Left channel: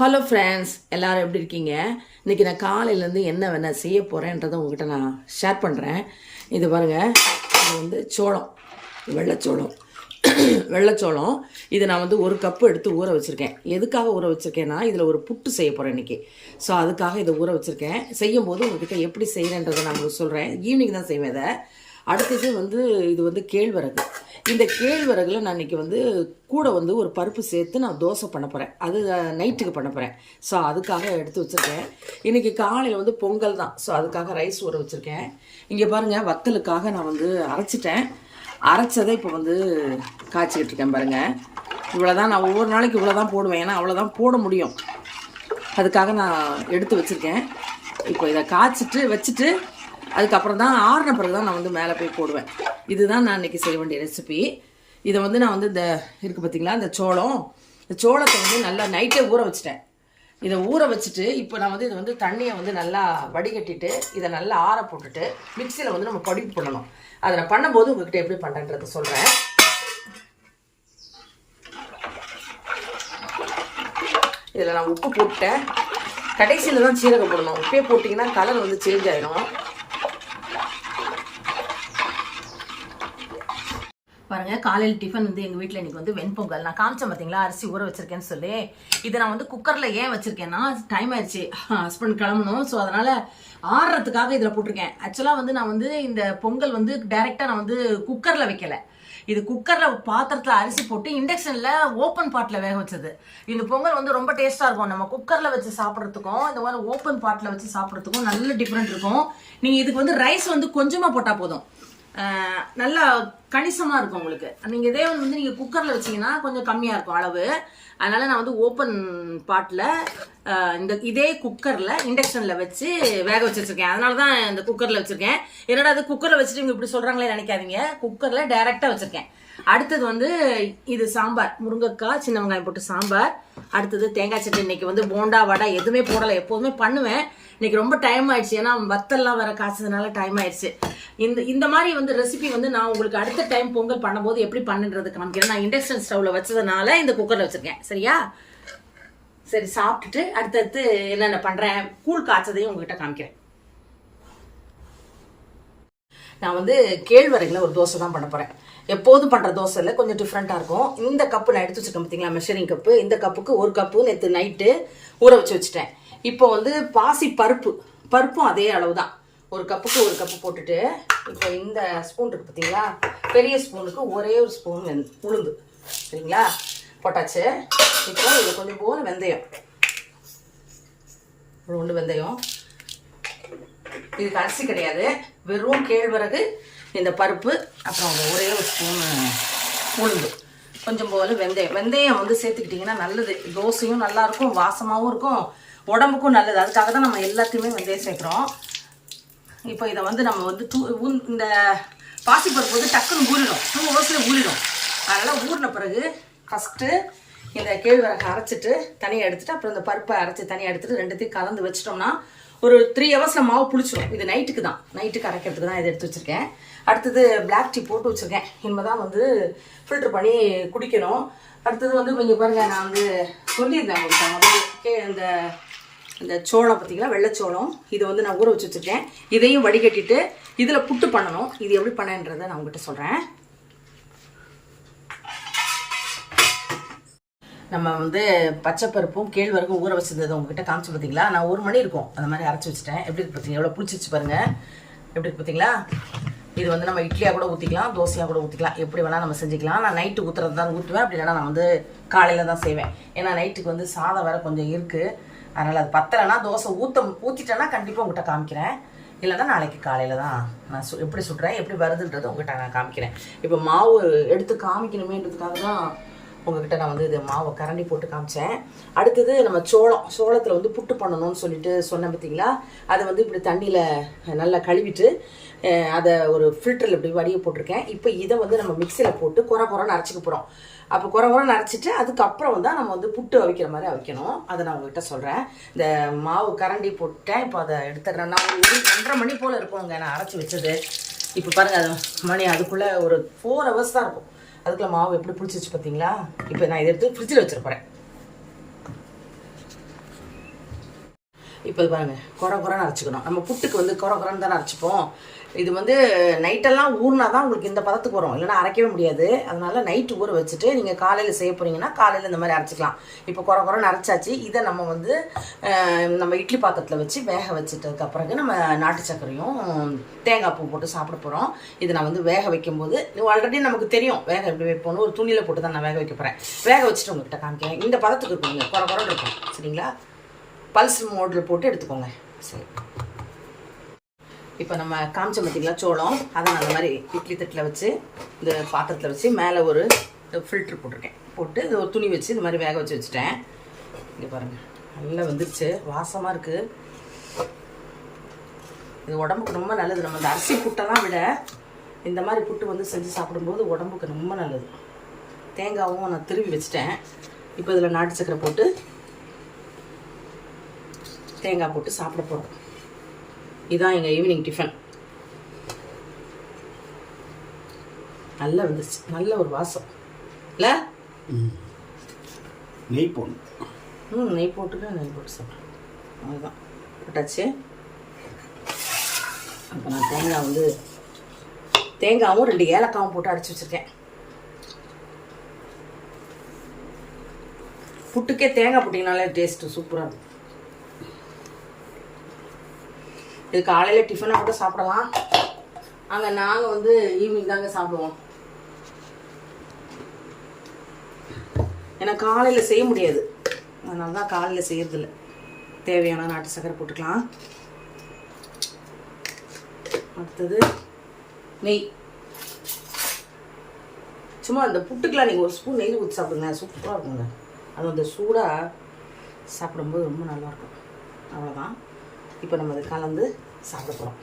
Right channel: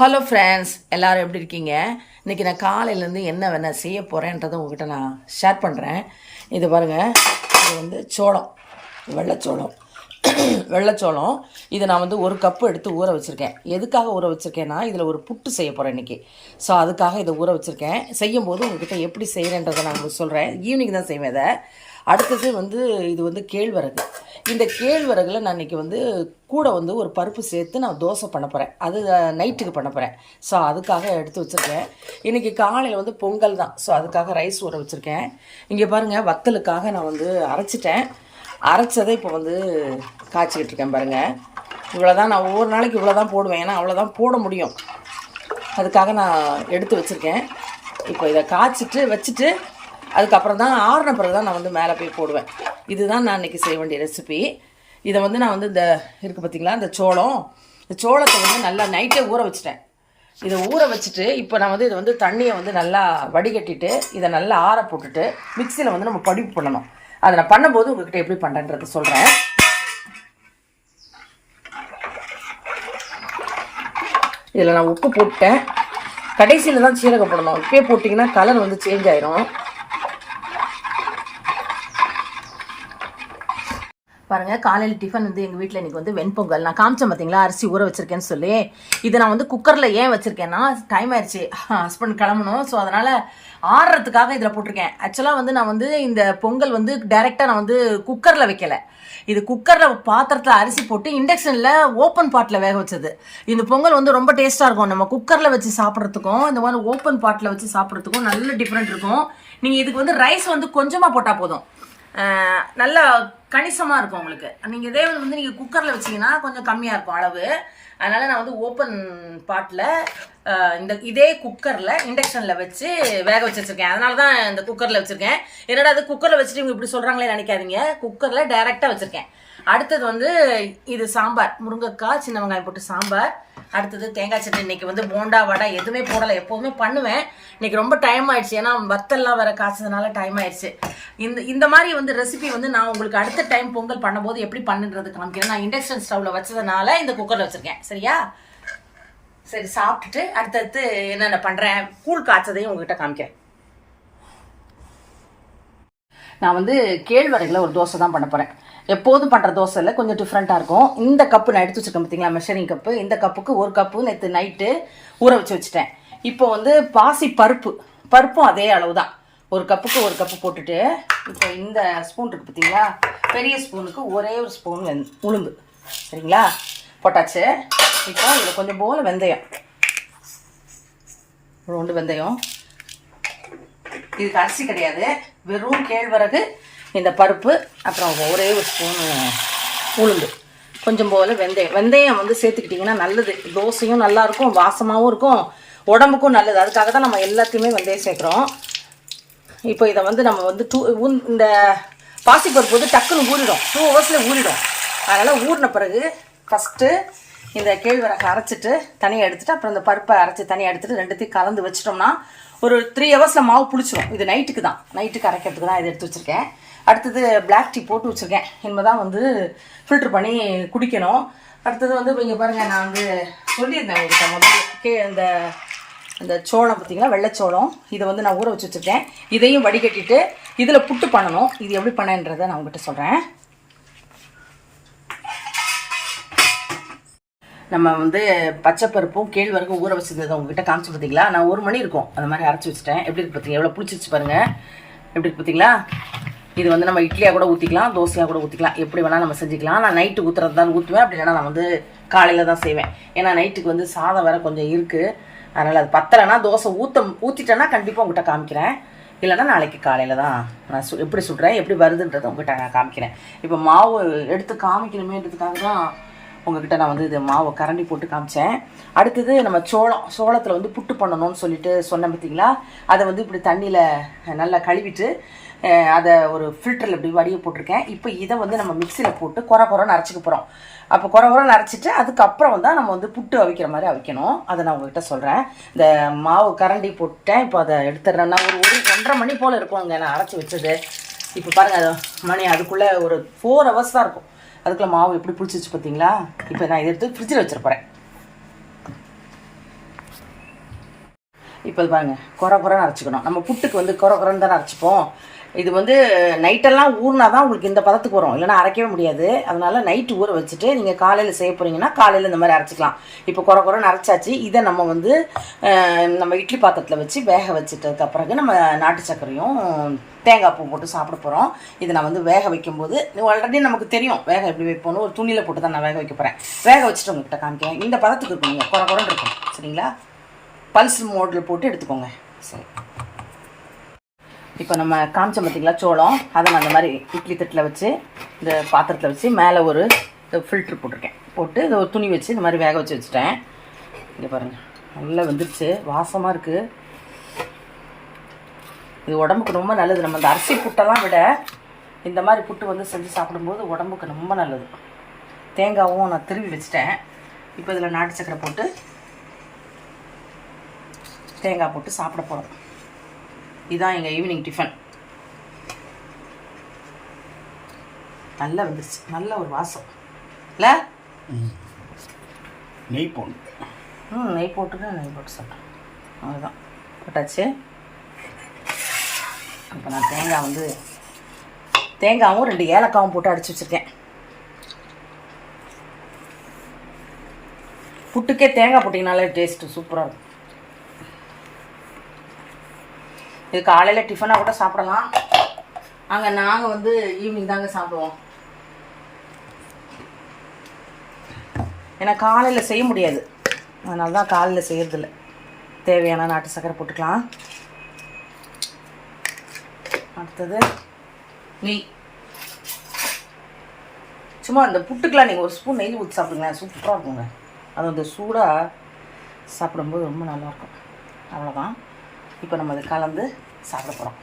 Hello friends எல்லோரும் எப்படி இருக்கீங்க? இன்றைக்கி நான் காலையிலேருந்து என்ன வேணால் செய்ய போகிறேன்றதை உங்கள்கிட்ட நான் ஷேர் பண்ணுறேன் இது பாருங்கள் இது வந்து சோளம். வெள்ளைச்சோளம். வெள்ளைச்சோளம். இதை நான் வந்து ஒரு கப்பு எடுத்து ஊற வச்சுருக்கேன். எதுக்காக ஊற வச்சுருக்கேன்னா இதில் ஒரு புட்டு செய்ய போகிறேன் இன்றைக்கி ஸோ அதுக்காக இதை ஊற வச்சுருக்கேன். செய்யும்போது உங்கள்கிட்ட எப்படி செய்கிறேன்றதை நான் உங்களுக்கு சொல்கிறேன் ஈவினிங் தான் செய்வேன் இதை. அடுத்தது வந்து இது வந்து கேழ்வரகு. இந்த கேழ்வரகுல நான் இன்றைக்கி வந்து கூட வந்து ஒரு பருப்பு சேர்த்து நான் தோசை பண்ண போகிறேன் அது நைட்டுக்கு பண்ண போகிறேன் ஸோ அதுக்காக எடுத்து வச்சுருக்கேன். இன்றைக்கி காலையில் வந்து பொங்கல் தான். ஸோ அதுக்காக ரைஸ் ஊற வச்சுருக்கேன். இங்கே பாருங்கள் வத்தலுக்காக நான் வந்து அரைச்சிட்டேன். அரைச்சதை இப்போ வந்து காய்ச்சிக்கிட்டு இருக்கேன் பாருங்கள் இவ்வளோ தான் நான் ஒவ்வொரு நாளைக்கு இவ்வளோ தான் போடுவேன். ஏன்னா அவ்வளோதான் போட முடியும். அதுக்காக நான் எடுத்து வச்சுருக்கேன். இப்போ இதை காய்ச்சிட்டு வச்சுட்டு அதுக்கப்புறம் தான் ஆறின பிறகு தான் நான் வந்து மேலே போய் போடுவேன். இதுதான் நான் இன்றைக்கி செய்ய வேண்டிய ரெசிபி இதை வந்து நான் வந்து இந்த இருக்குது பார்த்தீங்களா இந்த சோளம். இந்த சோளத்தை வந்து நல்லா நைட்டே ஊற வச்சுட்டேன். இதை ஊற வச்சுட்டு இப்போ நான் வந்து இதை வந்து தண்ணியை வந்து நல்லா வடிகட்டிட்டு இதை நல்லா ஆற போட்டுட்டு மிக்சியில் வந்து நம்ம படிப்பு பண்ணணும். அதை நான் பண்ணும்போது உங்ககிட்ட எப்படி பண்ணுறேன்றதை சொல்கிறேன் இதில் நான் உப்பு போட்டேன் கடைசியில் தான் சீரகம் போடணும். இப்பயே போட்டிங்கன்னா கலர் வந்து சேஞ்ச் ஆயிரும். பாருங்க காலையில் டிஃபன் வந்து எங்கள் வீட்டில் இன்றைக்கி வந்து வெண்பொங்கல். நான் காமிச்சேன் பார்த்தீங்களா அரிசி ஊற வச்சிருக்கேன்னு சொல்லி. இதை நான் வந்து குக்கரில் ஏன் வச்சுருக்கேன்னா டைம் ஆயிடுச்சு. ஹஸ்பண்ட் கிளம்பணும். ஸோ அதனால் ஆடுறதுக்காக இதில் போட்டிருக்கேன். ஆக்சுவலாக வந்து நான் வந்து இந்த பொங்கல் வந்து டைரெக்டாக நான் வந்து குக்கரில் வைக்கல. இது குக்கரில் பாத்திரத்தில் அரிசி போட்டு இண்டக்ஷனில் ஓப்பன் பாட்டில் வேக வச்சது. இந்த பொங்கல் வந்து ரொம்ப டேஸ்ட்டாக இருக்கும். நம்ம குக்கரில் வச்சு சாப்பிட்றதுக்கும் இந்த மாதிரி ஓப்பன் பாட்டில் வச்சு சாப்பிட்றதுக்கும் நல்ல டிஃப்ரெண்ட் இருக்கும். நீங்கள் இதுக்கு வந்து ரைஸ் வந்து கொஞ்சமாக போட்டால் போதும். நல்லா கணிசமாக இருக்கும் உங்களுக்கு. நீங்கள் இதே வந்து நீங்கள் குக்கரில் வச்சீங்கன்னா கொஞ்சம் கம்மியாக இருக்கும் அளவு. அதனால் நான் வந்து ஓப்பன் பாட்டில் இந்த இதே குக்கரில் இண்டக்ஷனில் வச்சு வேக வச்சு வச்சுருக்கேன். அதனால தான் இந்த குக்கரில் வச்சுருக்கேன். என்னடா அது குக்கரில் வச்சுட்டு இவங்க இப்படி சொல்கிறாங்களே நினைக்காதீங்க. குக்கரில் டைரெக்டாக வச்சுருக்கேன். அடுத்தது வந்து இது சாம்பார். முருங்கைக்காய் சின்ன வெங்காயம் போட்டு சாம்பார். அடுத்தது தேங்காய் சட்னி இன்னைக்கு வந்து போண்டா வடை எதுவுமே போடலை. எப்போதுமே பண்ணுவேன். இன்னைக்கு ரொம்ப டைம் ஆயிடுச்சு. ஏன்னா வத்தல்லாம் வர காய்ச்சதுனால டைம் ஆயிடுச்சு. இந்த இந்த மாதிரி வந்து ரெசிபி வந்து நான் உங்களுக்கு அடுத்த டைம் பொங்கல் பண்ணும்போது எப்படி பண்ணுன்றது காமிக்கிறேன். நான் இண்டக்ஷன் ஸ்டவ்ல வச்சதுனால இந்த குக்கரில் வச்சிருக்கேன். சரியா? சரி சாப்பிட்டுட்டு அடுத்தடுத்து என்னென்ன பண்ணுறேன் கூழ் காய்ச்சதையும் உங்ககிட்ட காமிக்கிறேன். நான் வந்து கேழ்வரையில் ஒரு தோசை தான் பண்ண போகிறேன் எப்போதும் பண்ணுற தோசையில் கொஞ்சம் டிஃப்ரெண்ட்டாக இருக்கும். இந்த கப்பு நான் எடுத்து வச்சிருக்கேன் பார்த்தீங்களா மெஷரிங் கப்பு இந்த கப்புக்கு ஒரு கப்பு நேற்று நைட்டு ஊற வச்சு வச்சுட்டேன். இப்போ வந்து பாசி பருப்பு. பருப்பும் அதே அளவு தான் ஒரு கப்புக்கு ஒரு கப்பு போட்டுட்டு இப்போ இந்த ஸ்பூன் இருக்கு பார்த்தீங்களா பெரிய ஸ்பூனுக்கு ஒரே ஒரு ஸ்பூன் வெந் உளுந்து. சரிங்களா? போட்டாச்சு. இப்போ இது கொஞ்சம் போல் வெந்தயம். ரெண்டு வெந்தயம். இதுக்கு அரிசி கிடையாது. வெறும் கேழ்வரகு இந்த பருப்பு அப்புறம் ஒரே ஒரு ஸ்பூன் உளுந்து. கொஞ்சம் போல வெந்தயம். வெந்தயம் வந்து சேர்த்துக்கிட்டிங்கன்னா நல்லது. தோசையும் நல்லாயிருக்கும் வாசமாகவும் இருக்கும் உடம்புக்கும் நல்லது. அதுக்காக தான் நம்ம எல்லாத்தையுமே வெந்தயம் சேர்க்குறோம். இப்போ இதை வந்து நம்ம வந்து டூ ஊன்- இந்த பாசிப்பருப்பு வந்து டக்குன்னு ஊறிடும். டூ ஹவர்ஸில் ஊறிடும். அதனால் ஊறின பிறகு ஃபஸ்ட்டு இந்த கேழ்வரகு அரைச்சிட்டு தனியாக எடுத்துட்டு அப்புறம் இந்த பருப்பை அரைச்சி தனியாக எடுத்துட்டு ரெண்டுத்தையும் கலந்து வச்சிட்டோம்னா ஒரு த்ரீ ஹவர்ஸில் மாவு புளிச்சிடும் இது நைட்டுக்கு தான். நைட்டுக்கு அரைக்கிறதுக்கு தான் இதை எடுத்து வச்சுருக்கேன். அடுத்தது பிளாக் டீ போட்டு வச்சுருக்கேன். இனிமே தான் வந்து ஃபில்டர் பண்ணி குடிக்கணும். அடுத்தது வந்து இங்கே பாருங்கள் நான் வந்து சொல்லியிருந்தேன் உங்களுக்கு முதல்ல. கே இந்த இந்த சோளம் பார்த்தீங்களா வெள்ளைச்சோளம். இதை வந்து நான் ஊற வச்சு வச்சுருக்கேன். இதையும் வடிகட்டிட்டு இதில் புட்டு பண்ணணும். இது எப்படி பண்ணன்றதை நான் உங்ககிட்ட சொல்கிறேன் நம்ம வந்து பச்சைப்பருப்பும் கேழ்வரகும் ஊற வச்சுருந்தது உங்ககிட்ட காமிச்சு பார்த்தீங்களா நான் ஒரு மணி இருக்கும். அந்த மாதிரி அரைச்சி வச்சுட்டேன். எப்படி இருக்கு பார்த்தீங்க எவ்வளோ பிடிச்சிருச்சு பாருங்கள் எப்படி இருக்கு பார்த்தீங்களா இது வந்து நம்ம இட்லியாக கூட ஊற்றிக்கலாம் தோசையாக கூட ஊற்றிக்கலாம் எப்படி வேணால் நம்ம செஞ்சுக்கலாம். நான் நைட்டு ஊற்றுறது தான் ஊற்றுவேன் அப்படி இல்லைனா நான் வந்து காலையில் தான் செய்வேன். ஏன்னா நைட்டுக்கு வந்து சாதம் வேறு கொஞ்சம் இருக்குது அதனால் அது பத்தலைன்னா தோசை ஊற்ற ஊற்றிட்டேன்னா கண்டிப்பாக உங்கள்கிட்ட காமிக்கிறேன். இல்லைன்னா நாளைக்கு காலையில் தான் நான் சு எப்படி சுடுறேன் எப்படி வருதுன்றதை உங்கள்கிட்ட நான் காமிக்கிறேன். இப்போ மாவு எடுத்து காமிக்கணுமேன்றதுக்காக தான் உங்ககிட்ட நான் வந்து இது மாவை கரண்டி போட்டு காமிச்சேன். அடுத்தது நம்ம சோளம் சோளத்தில் வந்து புட்டு பண்ணணும்னு சொல்லிட்டு சொன்னேன் பார்த்தீங்களா அதை வந்து இப்படி தண்ணியில் நல்லா கழுவிட்டு அதை ஒரு ஃபில்டரில் இப்படி வடிய போட்டிருக்கேன். இப்போ இதை வந்து நம்ம மிக்சியில் போட்டு குறை குறைன்னு அரைச்சிக்க போகிறோம் அப்போ குறை குறை அரைச்சிட்டு அதுக்கப்புறம் தான் நம்ம வந்து புட்டு அவிக்கிற மாதிரி அவிக்கணும். அதை நான் உங்ககிட்ட சொல்கிறேன் இந்த மாவு கரண்டி போட்டேன் இப்போ அதை எடுத்துடுறேன். நான் ஒரு ஒரு ஒன்றரை மணி போல் இருக்கும் அங்கே நான் அரைச்சி வச்சது. இப்போ பாருங்கள் மணி அதுக்குள்ளே ஒரு ஃபோர் ஹவர்ஸ் தான் இருக்கும். அதுக்குள்ளே மாவு எப்படி பிடிச்சிச்சு பார்த்தீங்களா இப்போ நான் இதை எடுத்து ஃப்ரிட்ஜில் வச்சுருப்பேன் இப்போ இது பாருங்கள் குறை குறைன்னு அரைச்சிக்கணும். நம்ம புட்டுக்கு வந்து குறை குறைன்னு தானே அரைச்சிப்போம். இது வந்து நைட்டெல்லாம் ஊறினா தான் உங்களுக்கு இந்த பதத்துக்கு வரும். இல்லைன்னா அரைக்கவே முடியாது. அதனால் நைட்டு ஊற வச்சுட்டு நீங்கள் காலையில் செய்ய போகிறீங்கன்னா காலையில் இந்த மாதிரி அரைச்சிக்கலாம். இப்போ குறை குறைன்னு அரைச்சாச்சு. இதை நம்ம வந்து நம்ம இட்லி பாத்திரத்தில் வச்சு வேக வச்சுட்டதுக்கு பிறகு நம்ம நாட்டு சர்க்கரையும் தேங்காய் பூ போட்டு சாப்பிட போகிறோம் இதை நான் வந்து வேக வைக்கும்போது ஆல்ரெடி நமக்கு தெரியும். வேக எப்படி வைப்போம்னு ஒரு துணியில் போட்டு தான் நான் வேக வைக்க போகிறேன் வேக வச்சுட்டு உங்கள்கிட்ட காமிக்கிறேன். இந்த பதத்துக்கு இருக்குங்க குறை குறைன்னு இருக்கும். சரிங்களா? பல்ஸ் மோடில் போட்டு எடுத்துக்கோங்க. சரி. இப்போ நம்ம காமிச்ச பார்த்தீங்களா சோளம் அதை நான் அந்த மாதிரி இட்லி தட்டில் வச்சு இந்த பாத்திரத்தில் வச்சு மேலே ஒரு ஃபில்ட்ரு போட்டிருக்கேன். போட்டு இதை ஒரு துணி வச்சு இந்த மாதிரி வேக வச்சு வச்சுட்டேன். இங்கே பாருங்கள் நல்லா வந்துருச்சு. வாசமாக இருக்குது இது உடம்புக்கு ரொம்ப நல்லது. நம்ம இந்த அரிசி புட்டெல்லாம் விட இந்த மாதிரி புட்டு வந்து செஞ்சு சாப்பிடும்போது உடம்புக்கு ரொம்ப நல்லது. தேங்காவும் நான் திருவி வச்சுட்டேன். இப்போ இதில் நாட்டு சக்கரை போட்டு தேங்காய் போட்டு சாப்பிட போகிறோம் இதான் எங்கள் ஈவினிங் டிஃபன் நல்லா வந்துருச்சு. நல்ல ஒரு வாசம். இல்லை? நெய் போடணும் ம் நெய் போட்டுட்டு நெய் போட்டு சாப்பிட்டேன் அவ்வளோதான் போட்டாச்சு. இப்போ நான் தேங்காய் வந்து தேங்காவும் ரெண்டு ஏலக்காவும் போட்டு அடிச்சு வச்சுருக்கேன். புட்டுக்கே தேங்காய் போட்டிங்கனாலே டேஸ்ட்டு சூப்பராக இருக்கும். இது காலையில் டிஃபனாக கூட சாப்பிடலாம். அங்கே நாங்கள் வந்து ஈவினிங் தாங்க சாப்பிடுவோம். ஏன்னா காலையில் செய்ய முடியாது. அதனால தான் காலையில் செய்யறதில்ல. தேவையான நாட்டு சக்கரை போட்டுக்கலாம். அடுத்தது நெய். சும்மா அந்த புட்டுக்கெலாம் நீங்கள் ஒரு ஸ்பூன் நெய் ஊற்றி சாப்பிடுங்க சூப்பராக இருக்குங்க. அது அந்த சூடாக சாப்பிடும்போது ரொம்ப நல்லாயிருக்கும் அவ்வளோதான் இப்போ நம்ம அதை கலந்து சாப்பிட போகிறோம்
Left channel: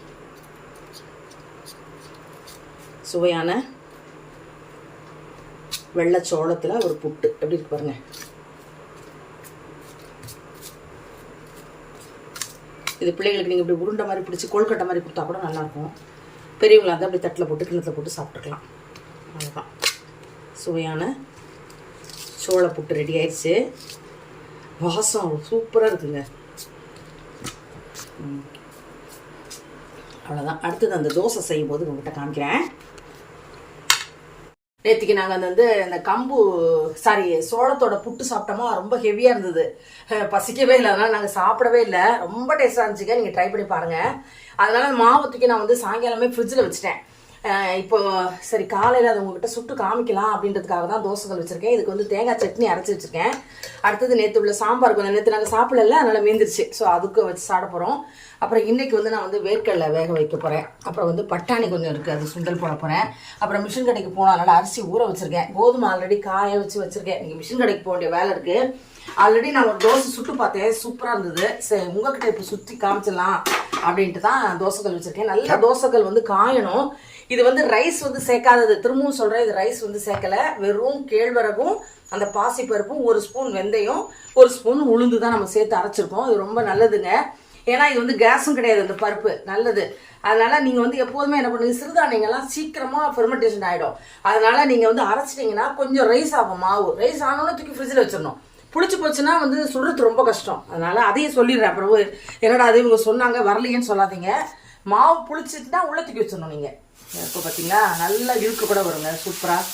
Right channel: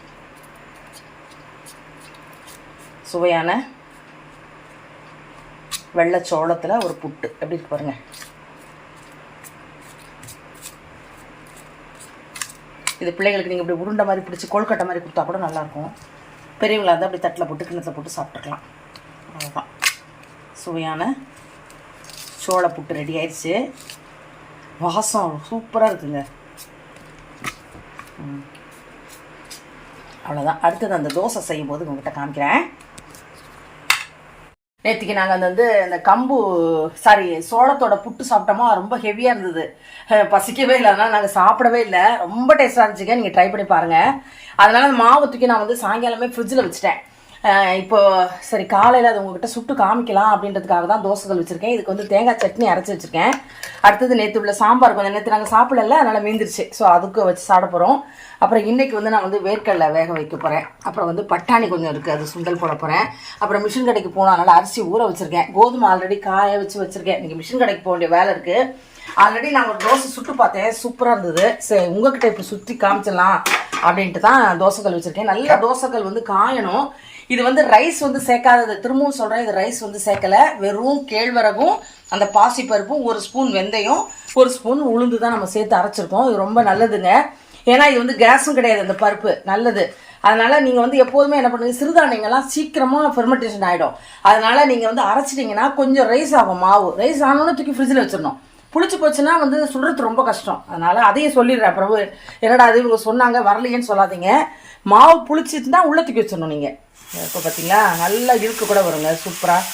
சுவையான வெள்ளை சோளத்தில் ஒரு புட்டு. எப்படி இருக்கு பாருங்க. இது பிள்ளைகளுக்கு நீங்கள் இப்படி உருண்டை மாதிரி பிடிச்சி கொழுக்கட்டை மாதிரி கொடுத்தா கூட நல்லாயிருக்கும் பெரியவங்களாக இருந்தால் அப்படி தட்டில் போட்டு கிணத்துல போட்டு சாப்பிட்டுக்கலாம். அவ்வளோதான் சுவையான சோள புட்டு ரெடி ஆயிடுச்சு. வாசம் சூப்பராக இருக்குங்க. அவ்வளோதான் அடுத்தது அந்த தோசை செய்யும்போது உங்ககிட்ட காமிக்கிறேன். நேற்றுக்கு நாங்கள் வந்து இந்த கம்பு சாரி சோளத்தோட புட்டு சாப்பிட்டோமா ரொம்ப ஹெவியாக இருந்தது. பசிக்கவே இல்லை. அதனால் நாங்கள் சாப்பிடவே இல்லை. ரொம்ப டேஸ்டாக இருந்துச்சுங்க. நீங்கள் ட்ரை பண்ணி பாருங்கள் அதனால் மாவு தூக்கி நான் வந்து சாயங்காலமே ஃப்ரிட்ஜில் வச்சுட்டேன். இப்போ சரி காலையில் அதை உங்ககிட்ட சுட்டு காமிக்கலாம் அப்படின்றதுக்காக தான் தோசைகள் வச்சுருக்கேன். இதுக்கு வந்து தேங்காய் சட்னி அரைச்சி வச்சுருக்கேன். அடுத்தது நேற்று உள்ள சாம்பார் கொஞ்சம் நேற்று நாங்கள் சாப்பிடல அதனால் மீந்துருச்சு. ஸோ அதுக்கு வச்சு சாப்பிட போகிறோம் அப்புறம் இன்றைக்கி வந்து நான் வந்து வேர்க்கடலை வேக வைக்க போகிறேன் அப்புறம் வந்து பட்டாணி கொஞ்சம் இருக்குது அது சுண்டல் போட போகிறேன் அப்புறம் மிஷின் கடைக்கு போனால் அதனால் அரிசி ஊற வச்சுருக்கேன். கோதுமை ஆல்ரெடி காய வச்சு வச்சுருக்கேன். இன்றைக்கி மிஷின் கடைக்கு போக வேண்டிய வேலை இருக்குது ஆல்ரெடி நான் ஒரு தோசை சுட்டு பார்த்தேன். சூப்பராக இருந்தது. சரி உங்ககிட்ட இப்போ சுற்றி காமிச்சிடலாம். அப்படின்ட்டு தான் தோசைகள் வச்சுருக்கேன். நல்ல தோசைகள் வந்து காயணும். இது வந்து ரைஸ் வந்து சேர்க்காதது. திரும்பவும் சொல்கிறேன் இது ரைஸ் வந்து சேர்க்கல. வெறும் கேழ்வரகும் அந்த பாசிப்பருப்பும் ஒரு ஸ்பூன் வெந்தயம் ஒரு ஸ்பூன் உளுந்து தான் நம்ம சேர்த்து அரைச்சிருக்கோம். இது ரொம்ப நல்லதுங்க. ஏன்னா இது வந்து கேஸும் கிடையாது அந்த பருப்பு. நல்லது. அதனால நீங்க வந்து எப்போதுமே என்ன பண்ணுங்க சிறுதானியங்கள்லாம் சீக்கிரமா ஃபெர்மெண்டேஷன் ஆயிடும். அதனால நீங்க வந்து அரைச்சிட்டீங்கன்னா கொஞ்சம் ரைஸ் ஆகும் மாவு. ரைஸ் ஆனோன்னு தூக்கி ஃப்ரிட்ஜில் வச்சிடணும். புளிச்சு போச்சுன்னா வந்து சுடுறது ரொம்ப கஷ்டம். அதனால் அதையும் சொல்லிடுறேன். பிரபு என்னடா அது இவங்க சொன்னாங்க வரலையேன்னு சொல்லாதீங்க. மாவு புளிச்சிட்டுனா உள்ளே தூக்கி வச்சிடணும் நீங்கள் இப்போ பார்த்தீங்களா நல்லா இழுக்கு கூட வருங்க. சூப்பராக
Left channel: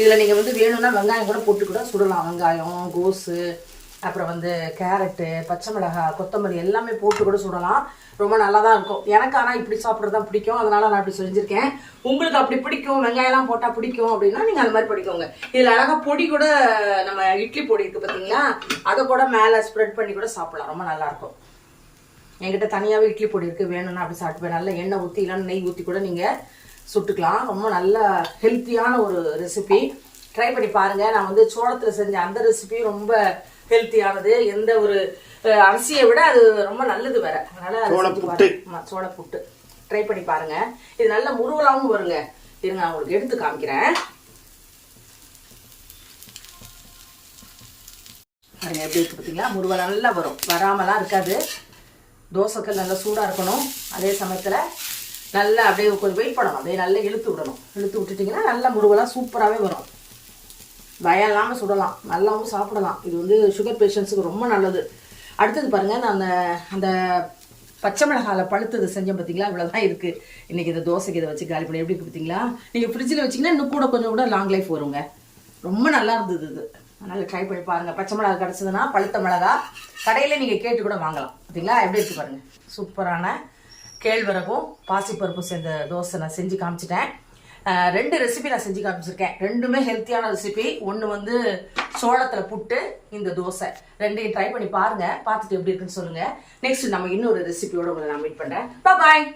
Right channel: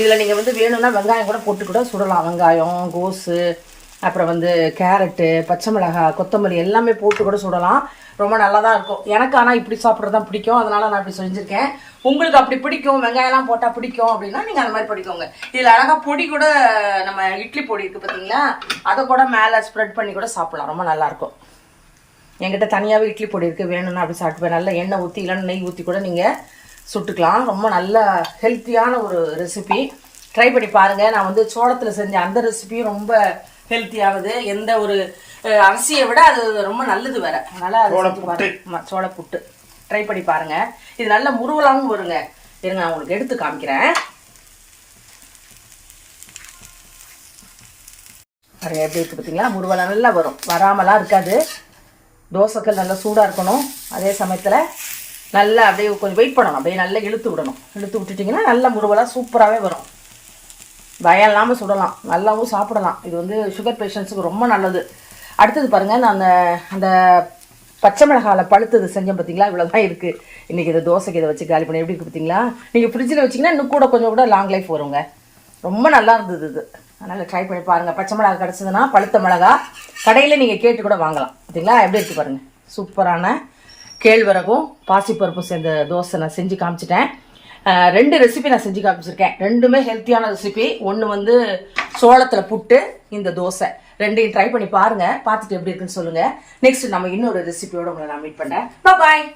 இதில் நீங்கள் வந்து வேணும்னா வெங்காயம் கூட போட்டு கூட சுடலாம். வெங்காயம் கோஸு அப்புறம் வந்து கேரட்டு பச்சை மிளகாய் கொத்தமல்லி எல்லாமே போட்டு கூட சுடலாம். ரொம்ப நல்லா தான் இருக்கும். எனக்கு ஆனால் இப்படி சாப்பிட்றது தான் பிடிக்கும். அதனால நான் இப்படி செஞ்சுருக்கேன். உங்களுக்கு அப்படி பிடிக்கும். வெங்காயம்லாம் போட்டால் பிடிக்கும் அப்படின்னா நீங்கள் அந்த மாதிரி படிக்கோங்க இதில் அழகாக பொடி கூட நம்ம இட்லி பொடி இருக்குது பார்த்தீங்களா அதை கூட மேலே ஸ்ப்ரெட் பண்ணி கூட சாப்பிட்லாம். ரொம்ப நல்லாயிருக்கும் என்கிட்ட தனியாகவே இட்லி பொடி இருக்குது வேணும்னா அப்படி சாப்பிட்டுப்பேன் நல்லா எண்ணெய் ஊற்றி இல்லைன்னா நெய் ஊற்றி கூட நீங்கள் சுட்டுக்கலாம். ரொம்ப நல்ல ஹெல்த்தியான ஒரு ரெசிபி ட்ரை பண்ணி பாருங்கள் நான் வந்து சோளத்தில் செஞ்ச அந்த ரெசிபியும் ரொம்ப ஹெல்த்தியானது எந்த ஒரு அரிசியை விட அது ரொம்ப நல்லது வேற. அதனால அது சோள செஞ்சு புட்டு. ட்ரை பண்ணி பாருங்க. இது நல்ல முருவலாகவும் வருங்க. இருங்க நான் உங்களுக்கு எடுத்து காமிக்கிறேன். பாருங்க எப்படி இருக்கு பார்த்தீங்களா முருவல் நல்லா வரும். வராமலாம் இருக்காது. தோசைக்கல் நல்லா சூடாக இருக்கணும். அதே சமயத்தில் நல்லா அப்படியே கொஞ்சம் வெயிட் பண்ணணும். அப்படியே நல்லா இழுத்து விடணும். இழுத்து விட்டுட்டிங்கன்னா நல்லா முருவலாக சூப்பராகவே வரும். பயம் இல்லாமல் சுடலாம். நல்லாவும் சாப்பிடலாம். இது வந்து சுகர் பேஷண்ட்ஸுக்கு ரொம்ப நல்லது. அடுத்தது பாருங்கள் நான் அந்த அந்த பச்சை மிளகாவில் பழுத்தது செஞ்சேன் பார்த்தீங்களா இவ்வளோதான் இருக்குது இன்றைக்கி இதை தோசைக்கு இதை வச்சு காலி பண்ணி எப்படி இருக்குது பார்த்தீங்களா நீங்கள் ஃப்ரிட்ஜில் வச்சீங்கன்னா இன்னும் கூட கொஞ்சம் கூட லாங் லைஃப் வருங்க. ரொம்ப நல்லா இருந்தது இது. அதனால் ட்ரை பண்ணி பாருங்கள் பச்சை மிளகா கிடச்சதுன்னா பழுத்த மிளகா. கடையில் நீங்கள் கேட்டு கூட வாங்கலாம். பார்த்தீங்களா எப்படி இருக்குது பாருங்கள் சூப்பரான கேழ்வரகும் பாசிப்பருப்பும் சேர்ந்த தோசை நான் செஞ்சு காமிச்சிட்டேன். ரெண்டு ரெசிபி நான் செஞ்சு காமிச்சிருக்கேன். ரெண்டுமே ஹெல்த்தியான ரெசிபி ஒன்று வந்து சோளத்தில் புட்டு இந்த தோசை. ரெண்டையும் ட்ரை பண்ணி பாருங்கள் பார்த்துட்டு எப்படி இருக்குன்னு சொல்லுங்கள் நெக்ஸ்ட் நம்ம இன்னொரு ரெசிபியோடு உங்களை நான் மீட் பண்ணுறேன் பாய்